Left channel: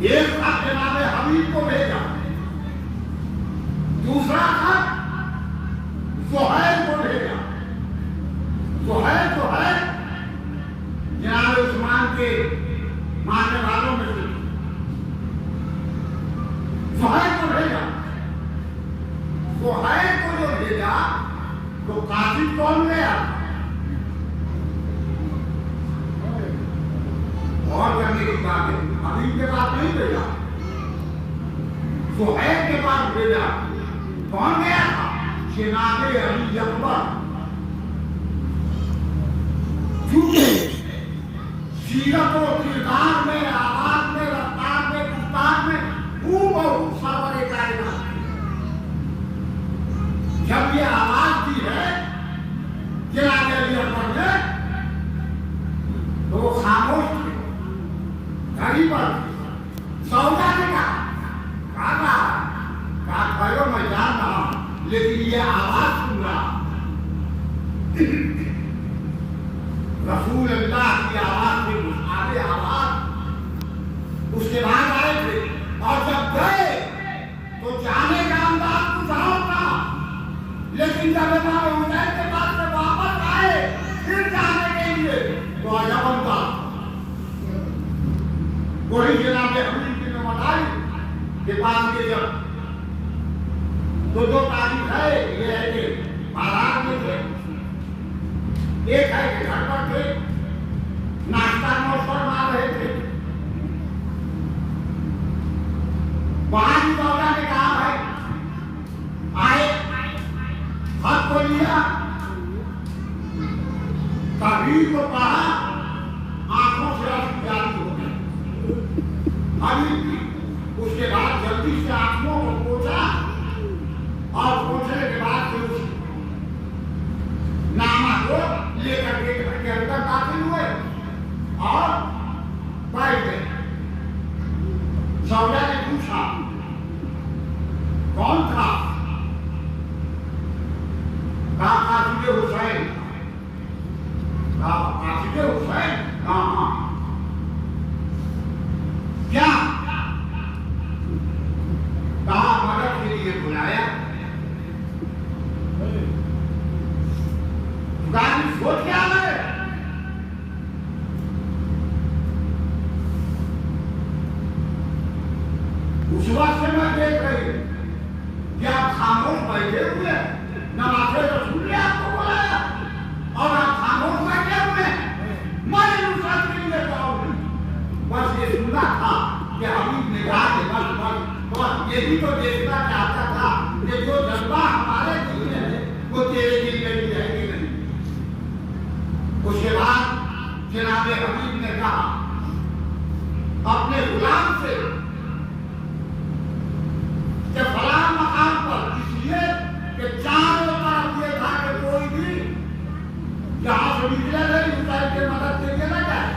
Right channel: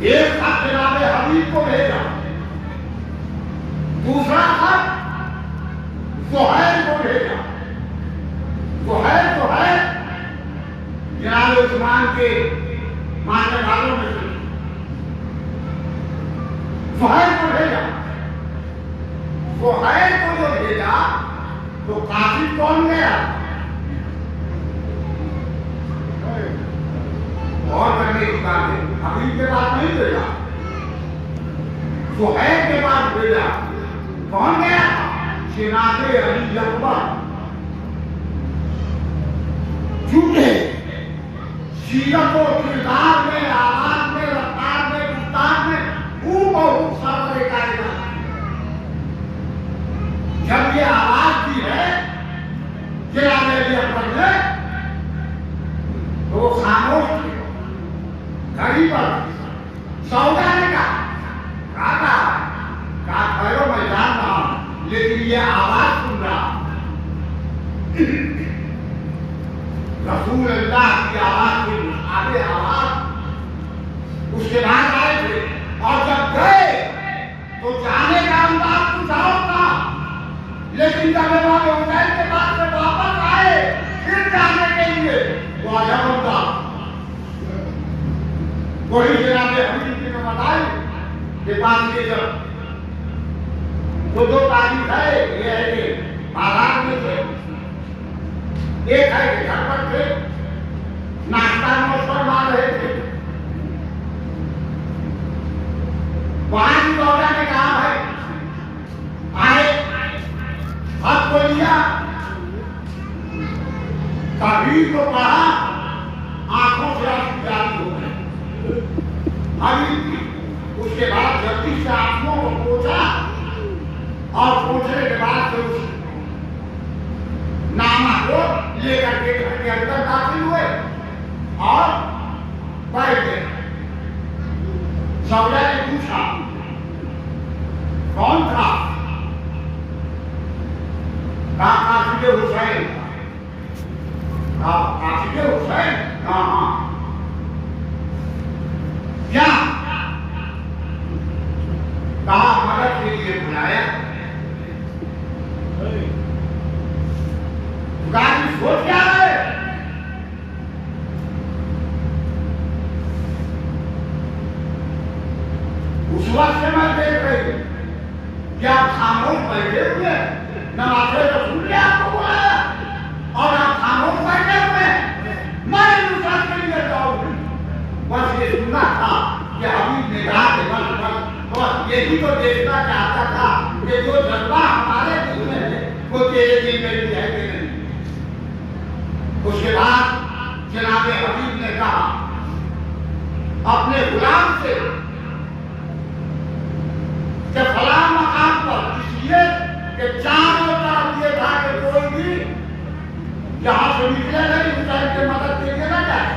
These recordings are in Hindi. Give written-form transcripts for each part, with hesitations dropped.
एक खत जनाब हबीब को भेजा, दूसरा खत सुहैल को भेजा। सुहैल जो है जनाब उस्मान के मानने वालों में से सुहैल को भेजा। सुहैल को जो भेजा तो काफिर कौन गया? और करने की बात है, अभी के बाद नहीं भेजा, सुहैल के बाद भेजा। कौन गया? जनाब अली अकबर। झूठे सीरत और किरदार में, आवाज में, रफ्तार में, गुफ्तार में खूब सरवर कायनात। जब ये आवाज दी है जनाब अली अकबर ने तो वो खामोश थे। घड़ी पर सौदा ने कहा ठहरो मैं जान रहा हूं, लेकिन ये आवाज सुन रहा। रसूल अल्लाह की आवाज थी, आगे आवाज। उसके बाद आए थे और जब गए तो जाने का अंदाज कुछ और था, लेकिन जब इमाम हुसैन के पास से वापस आए फिर जाने के लिए तो अजब होता। वही जनाब हबीब ने बताई कि बात के जब दो तारीख है, ये है कि बारात में थे, एक है कि घर पर थे, नाश्ता मौसम मार रहे थे। वहां की दौरा ने कहा भाई आए, हद को लिया, तभी को कहा, आंखों से जारी हो गए। अभी उसके बाद जल्दी से आंखों को पोछा और पोछने के बाद फिर नामा को लेकर के घर के अंदर दाखिल हुए और बैठ गए। सौदा ने पूछा कौन था? कहा काशिके हुसैन। काशिके हुसैन? हाँ। क्या? कहा मदद के लिए बुलाया। गाड़ी सोच क्या है? उस वक्त से मैं देख रही क्या खामोश बैठे हुए, नवाज़े रसूल ने आपको बुलाया और आप खामोश बैठे हुए। मैं नुसरत के लिए जाऊंगी। बस ये सुनना था कि हबीब ने कहा कि बस यही तो देखना चाहता था कि जो जज्बा हमारे दिल में है वो तेरे दिल में भी है कि नहीं। उसके बाद जनाब हबीब ने कहा अपने गुलाम से कि फलां मकाम पर, इसलिए कि चारों तरफ ये था कि कोई भी जहां से निकले नहीं उतर के मदद के लिए न जाए,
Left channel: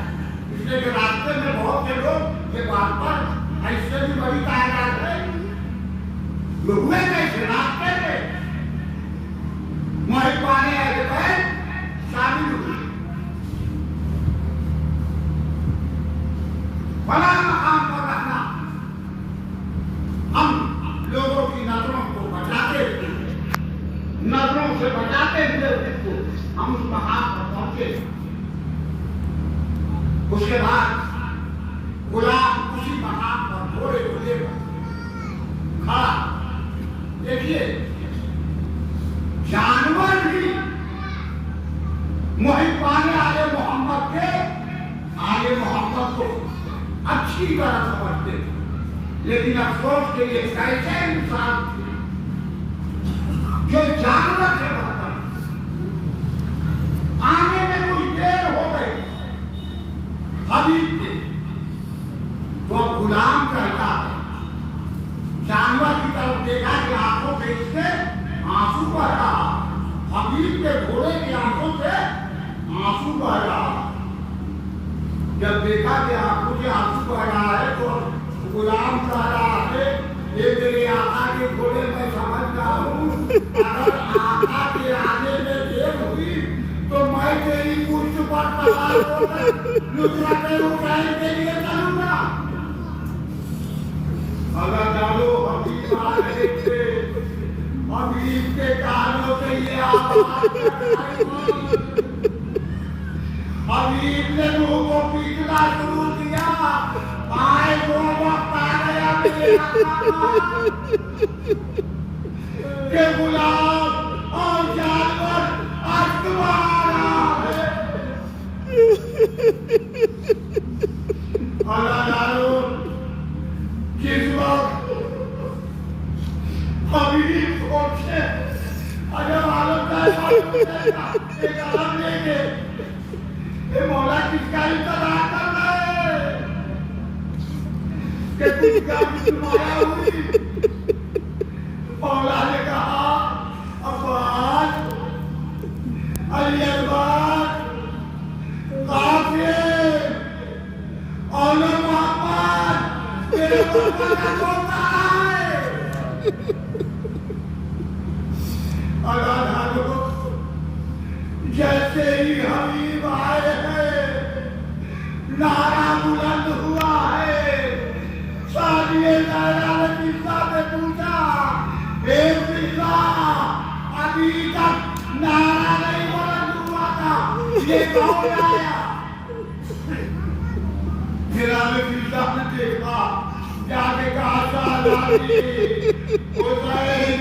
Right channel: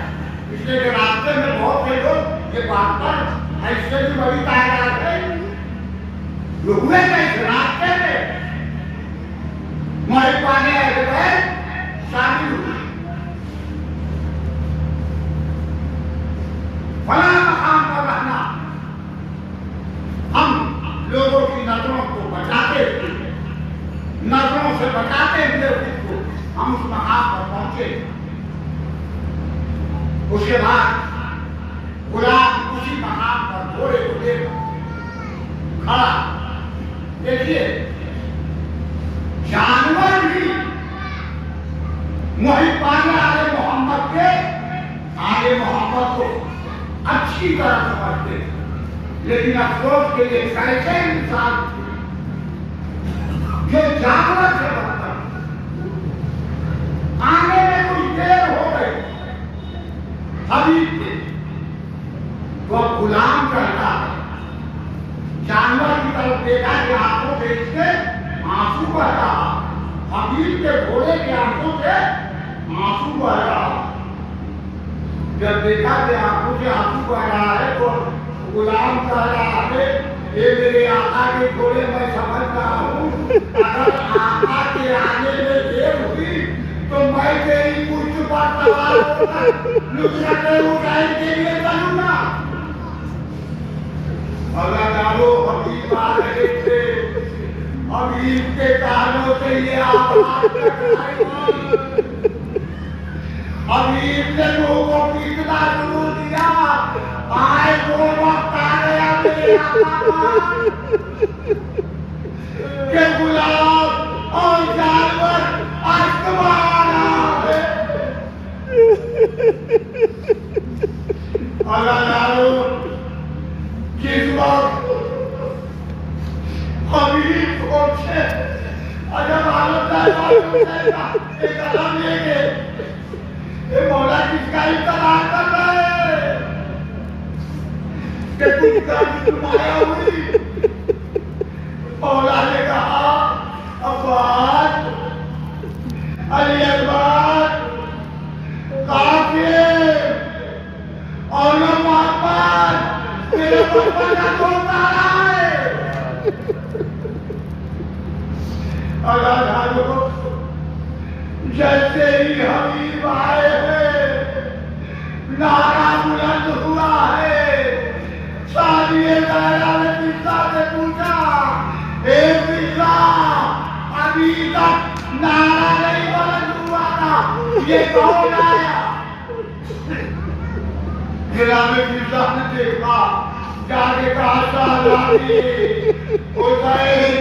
इसलिए कि रास्ते में बहुत से लोग ये बात पर ऐसे भी बड़ी तादाद है जो हुए कैसे रास्ते में मर पाने गए शामिल हुए। फलां मकाम पर रहना, हम लोगों की नजरों को बचाते हुए, नजरों से बचाते हुए उसको हम उस मकाम पर पहुंचे। उसके बाद गुलाम उसी मकाम पर घोड़े को लेकर खड़ा। देखिए जानवर भी मुहिब्बान आले मोहम्मद के आले मोहम्मद को अच्छी तरह समझते, लेकिन अफसोस के लिए कैसे इंसान जो जानवर से बनता आने में कुछ देर हो गई हबीब के तो अब गुलाम करता है। जानवर की तरफ देखा कि आंखों से इसके आंसू बह रहा, हबीब के घोड़े के आंखों से आंसू बह रहा। जब देखा कि आंखों से आंसू बह रहा है तो गुलाम कह रहा है ये मेरे आका के घोड़े मैं समझ रहा हूँ, अगर आका के आने में देर हुई तो मैं तेरी पुष्ट पर सवार होकर नुसरत हुसैन के लिए चलूंगा। अगर डालो हबीब आ रहे थे, हबीब के कानों से ये आवाज हबीब ने मुंह को पीटना शुरू किया। आए वो वक्त आ गया मेरे आका के गुलाम और जानवर आसमान है। जिस वक्त हबीब पहुंचे अजब हालत एक कदम लेके ये मौला किसका इंतजार कर रहे हैं कि कुछ तुम्हारा हुई। मौला ने कहा अब्बास अली अब्बास काफिर और मोहम्मद मेरे पापा का बोलता है। अल्लाह जैसे ही हबीब आए हैं नारा बुलंद हुआ है। सादिए लहरा ने पिता से पूछा, हे पिता अभी तक नारा नहीं बुलंद हुआ था, ये कौन आया? गिराने पिता ने देखा, जाके कहा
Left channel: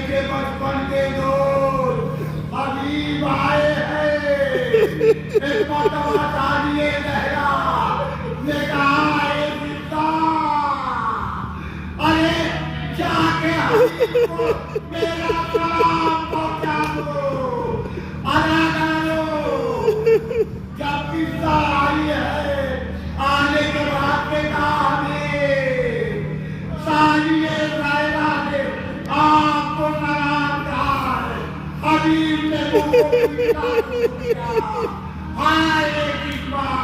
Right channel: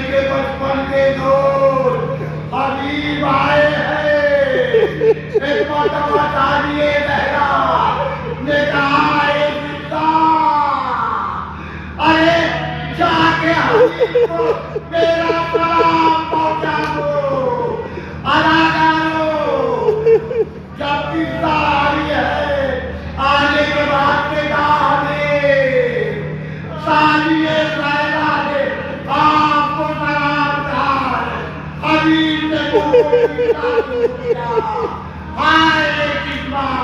के बचपन के दोस्त हबीब आए हैं। एक मरतबा सादिए लहरा ने कहा, अरे जाके हबीब को मेरा सलाम पहुंचा दो। अदा करो जब किस्सा आई है आने के बाद में कहा सादिए लहरा ने आपको सलाम कहा। हबीब ने वो हाय किस्मत